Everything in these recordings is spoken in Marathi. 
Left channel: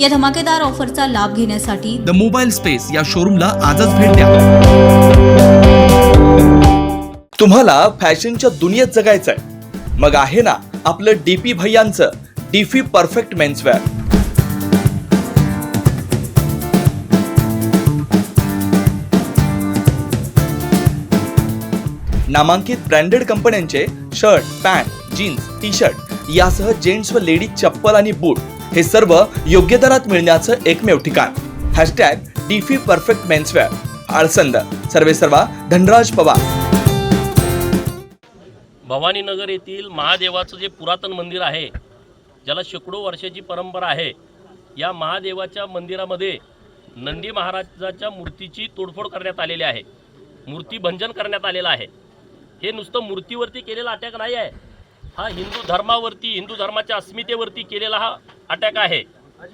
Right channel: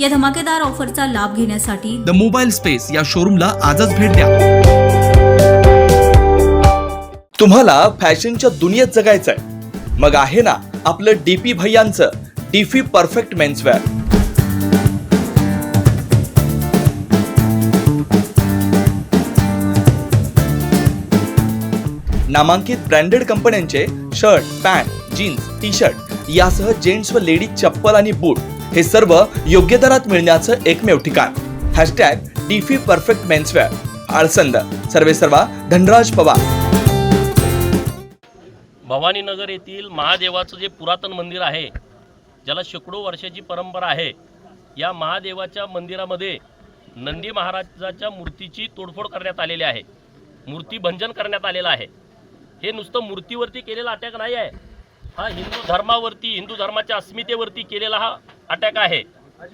या धमाकेदार ऑफरचा लाभ घेण्यासाठी द मोबाईल स्पेस या शोरूमला आजच भेट द्या. तुम्हाला फॅशनच्या दुनियेत जगायचंय. मग आहे ना आपलं डीपी भैयांचं डीफी परफेक्ट मेन्सवेअर नामांकित ब्रँडेड कंपन्यांचे shirt pant jeans T shirt यासह जेंट्स व लेडीज चप्पल आणि बूट हे सर्व योग्य दरात मिळण्याचं एकमेव ठिकाण. Hashtag DP perfect menswear Alsand. सर्वे सर्वा धनराज पवार. भवानीनगर येथील महादेवाचं जे पुरातन मंदिर आहे ज्याला शेकडो वर्षाची परंपरा आहे या महादेवाच्या मंदिरामध्ये नंदी महाराजाच्या मूर्तीची तोडफोड करण्यात आलेली आहे. मूर्ती भंजन करण्यात आलेलं आहे. हे नुसतं मूर्तीवरती केलेला अटॅक नाही आहे. हा हिंदू धर्मावरती हिंदू धर्माच्या अस्मितेवरती केलेला हा अटॅक आहे.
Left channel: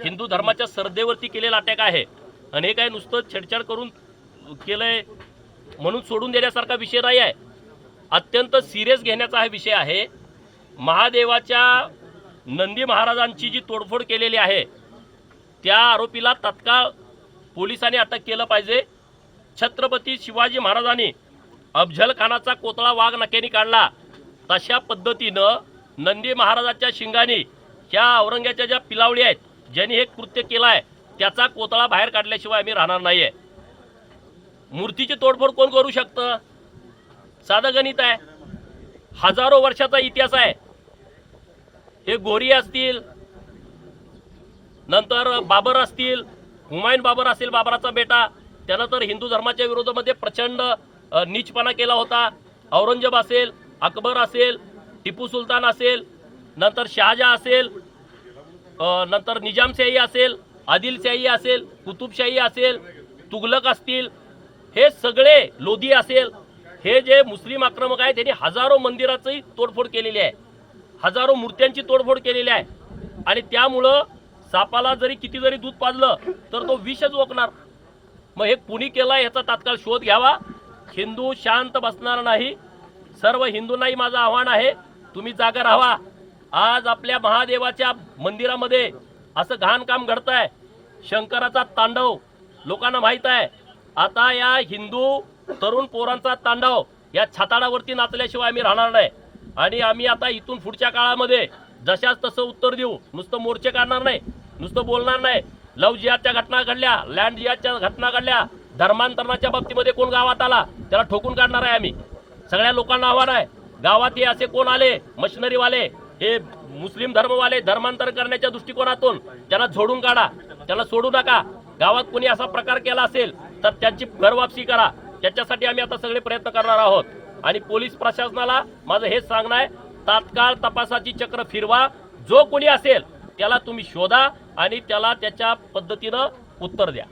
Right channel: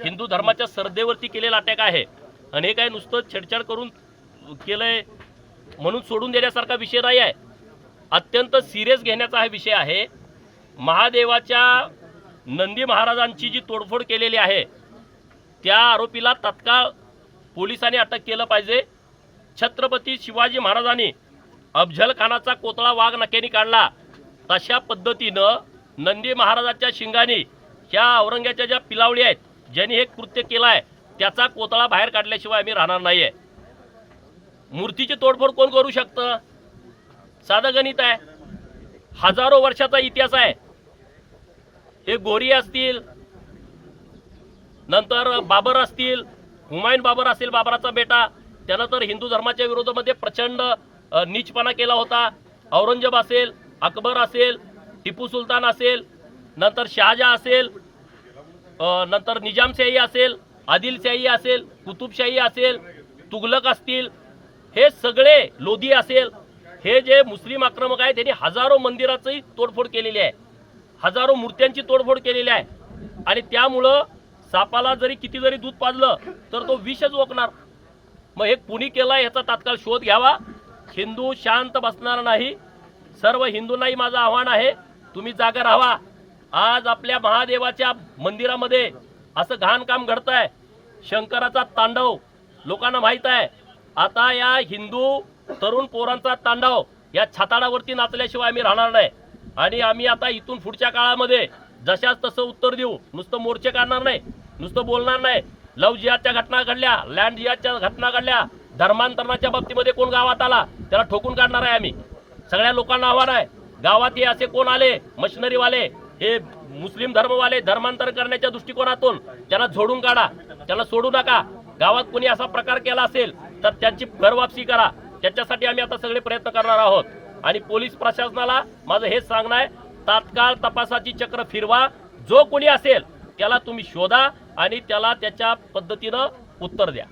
हिंदू धर्माच्या श्रद्धेवरती केलेला अटॅक आहे. आणि हे काय नुसतं छेडछाड करून केलंय म्हणून सोडून देण्यासारखा विषय नाही आहे. अत्यंत सिरियस घेण्याचा हा विषय आहे. महादेवाच्या नंदी महाराजांची जी तोडफोड केलेली आहे त्या आरोपीला तत्काळ पोलिसांनी अटक केलं पाहिजे. छत्रपती शिवाजी महाराजांनी अफजलखानाचा कोतळा वाघ नक्याने काढला. तशा पद्धतीनं नंदी महाराजाच्या शिंगाने ह्या औरंग्याच्या ज्या पिलावळी आहेत ज्यांनी हे कृत्य केलं आहे त्याचा कोतळा बाहेर काढल्याशिवाय आम्ही राहणार नाही आहे मूर्तीची तोडफोड कोण करू शकतं? साधं गणित आहे. हजारो वर्षाचा इतिहास आहे. हे गोरी असतील नंतर बाबर असतील हुमायून बाबर असेल बाबराचा बेटा त्यानं तर हिंदू धर्माच्या विरोधामध्ये प्रचंड नीचपणा केला होता. औरंगजेब असेल अकबर असेल टिपू सुलतान असेल नंतर शहाजहा असेल नंतर निजामशाही असेल आदिलशाही असेल कुतुबशाही असेल तुगलक असतील हे सगळे लोधी असेल हे जे मुस्लिम आक्रमक आहे त्यांनी हजारो मंदिराची तोडफोड केलेली आहे. हजारो मूर्त्यांची तोडफोड केलेली आहे. आणि त्यामुळं सापाला जरी किती जरी दूध पाजलं तर तो विषच ओकणार. मग हे कुणी केलं ह्याचा तात्काळ शोध घ्यावा. हिंदू शांत बसणार नाही. सर्व हिंदूंनाही माझं आव्हान आहे. तुम्ही जागा राहा आज आपल्या महादेवाच्या मंदिरामध्ये असं घाण काम घडत आहे शंकराचा तांडव लोकांना माहीत आहे. आता या हिंदू तरुण पोरांचा तांडव या छाताडावरती नाचल्याशिवाय आम्ही राहणार नाही. आणि आम्ही आता इथून पुढच्या काळामध्ये जशाच तसं उत्तर देऊ. नुसतं मोर्चे काढणार नाही नुसतं बोलणार नाही. लव जिहादच्या घटना घडल्या लँड जिहादच्या घटना घडल्या. धर्मांतरणाच्या बाबतीमध्ये कोण गावात आला त्याला ठोकून काढणार आहे आम्ही. सगळ्या लोकांना आव्हान आहे. गावात हे असे कोण आले? मशिनरीवाले. हे मुस्लिम धर्मवाले धर्मांतर करण्याच्या दृष्टिकोनातून त्यांना झोडून काढा त्यांना सोडू नका. गावात कोणी असा प्रकार केला असेल तर त्यांची घरवापसी करा. त्याच्यासाठी आम्ही आता सगळे प्रयत्न करणार आहोत. आणि पोलीस प्रशासनाला माझं हेच सांगणं आहे तात्काळ तपासाची चक्र फिरवा. जो कोणी असेल त्याला तुम्ही शोधा आणि त्याला त्याच्या पद्धतीनं उत्तर द्या.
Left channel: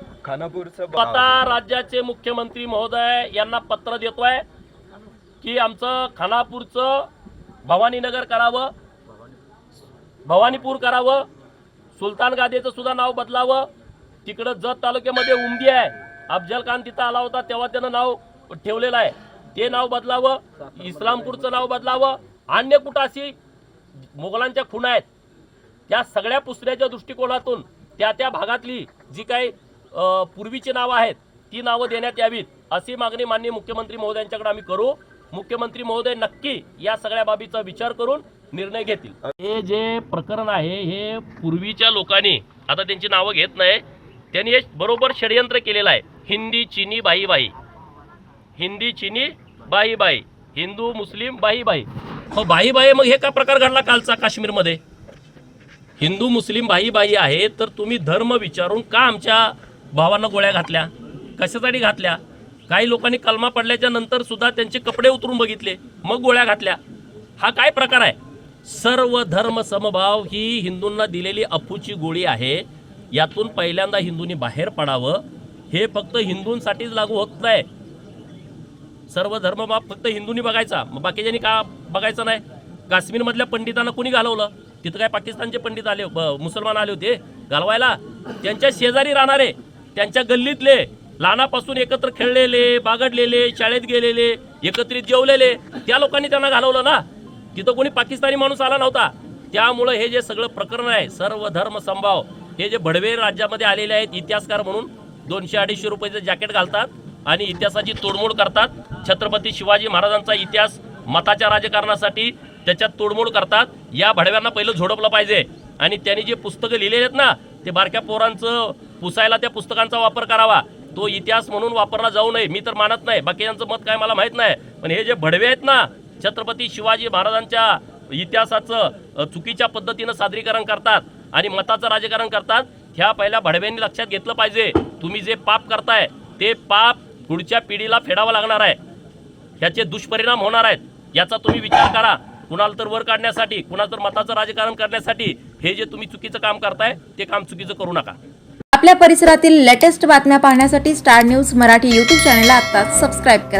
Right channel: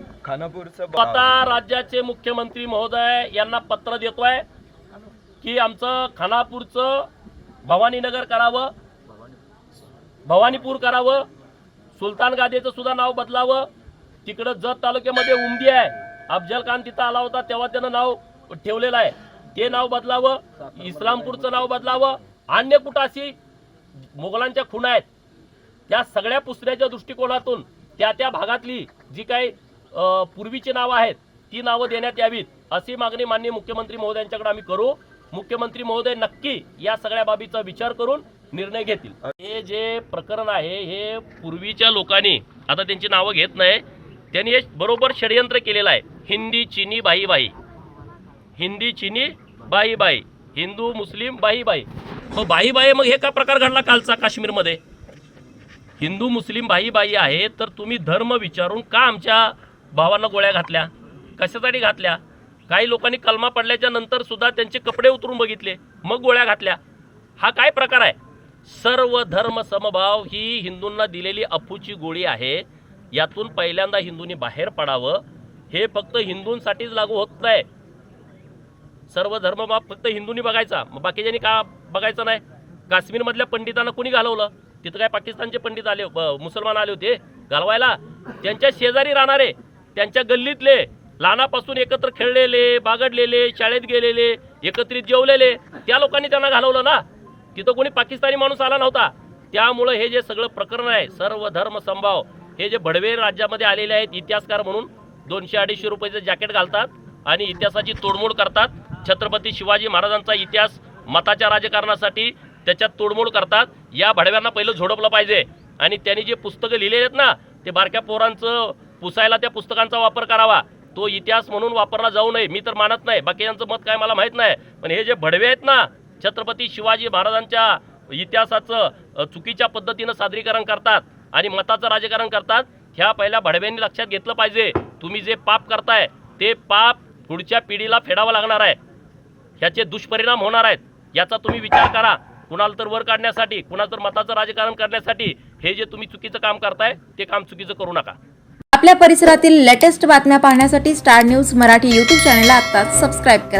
आता राज्याचे मुख्यमंत्री महोदय यांना पत्र देतोय की आमचं खानापूरचं भवानीनगर करावं. भवानीपूर करावं सुलतान गादेचं सुद्धा नाव बदलावं. तिकडं जत तालुक्यामध्ये उमदी आहे. अफजल खान तिथं आला होता तेव्हा त्यानं नाव ठेवलेलं आहे. ते नाव बदलावं इस्लामपूरचं नाव बदलावं. अन्य कुठं अशी मुघलांच्या खुणा आहेत. त्या सगळ्या पुसण्याच्या दृष्टिकोनातून त्या त्या भागातली जी काही पूर्वीची नावं आहेत ती नावं देण्यात यावीत अशी मागणी माननीय मुख्यमंत्री महोदयांच्याकडे आम्ही करू. मुख्यमंत्री महोदय नक्की या सगळ्या बाबीचा विचार करून निर्णय घेतील. हे जे प्रकरण आहे हे पूर्वीच्या लोकांनी आता त्यांची नावं घेत नाही त्यांनी हे बरोबर षडयंत्र केलेलं आहे. हिंदी चिनी बाई बाई हिंदी चिनी बाई बाई हिंदू मुस्लिम बाई बाई हो बाई बाई मग हे का प्रकार घडला कालचा काश्मीरमध्ये? हिंदू मुस्लिम बाई बाई आहे तर तुम्ही धर्म विचारून का आमच्या भावांना गोळ्या घातल्या? कशासाठी घातल्या? काही लोकांनी कलमा पडल्याच्या नंतर सुद्धा त्यांचे कपडे उतरून बघितले मग गोळ्या घातल्या. हा काय प्रकार आहे? सर्व धर्म समभाव ही हिंदूंना दिलेली अफूची गोळी आहे. यातून पहिल्यांदा हिंदूंनी बाहेर पडावं. हे फक्त हिंदूंसाठीच लागू होत नाही. सर्व धर्मभाव फक्त हिंदूंनी बघायचा. मग बाकीच्यांनी का बघायचं नाही? काश्मीरमधल्या पंडितांना कोणी घालवलं? तिथं काय पाकिस्तानचे पंडित आले मुसलमान आले होते? घालवायला? त्यांच्या शेजारी राहणारे त्यांच्या गल्लीतले लहानापासून एकत्र खेळलेले बागडलेले शाळेत गेलेले एकत्रित जेवलेले त्या लोकांनी त्यांना घालवलं ना? तिथं कोणी पाकिस्तानी माणूस आला नव्हता. त्यामुळं हे जे सगळं प्रकरण आहे सर्व धर्म संभाव हे जे भडवे राज्यामध्ये आलेले आहेत इतिहासकार म्हणून दोनशे अडीचशे रुपयाचं जॅकेट घालतात आणि इतिहासाची तोडमोड करतात. छत्रपती शिवाजी महाराजांचा इतिहास मताच्या राजकारणासाठी त्याच्यात तोडमोड करतात. या भडव्यांना पहिलं झोडपलं पाहिजे. आणि त्यांनी जे पुस्तकं लिहिले आहेत ना ते बारक्या पोरांचं पुसायला त्या पुस्तकांचा वापर करावा. तो इतिहास म्हणून वापरला जाऊ नये मी तर मानत नाही. बाकी यांचं मत काय मला माहीत नाही. पण हे जे भडवे आहेत ना छत्रपती शिवाजी महाराजांच्या इतिहासाचं चुकीच्या पद्धतीनं सादरीकरण करतात आणि मताचं राजकारण करतात ह्या पहिल्या भडव्यांनी लक्षात घेतलं पाहिजे. तुम्ही जे पाप करताय ते पाप पुढच्या पिढीला फेडावं लागणार आहे. ह्याचे दुष्परिणाम होणार आहेत. याचा तुम्ही विचार करा. कुणाला तर वर काढण्यासाठी कुणाला तर मताचं राजकारण करण्यासाठी हे जे तुम्ही चुकीचं काम करताय ते काम चुकीचं करू नका. आपल्या परिसरातील लेटेस्ट बातम्या पाहण्यासाठी स्टार न्यूज मराठी यूट्यूब चॅनलला आत्ताच सबस्क्राईब करा.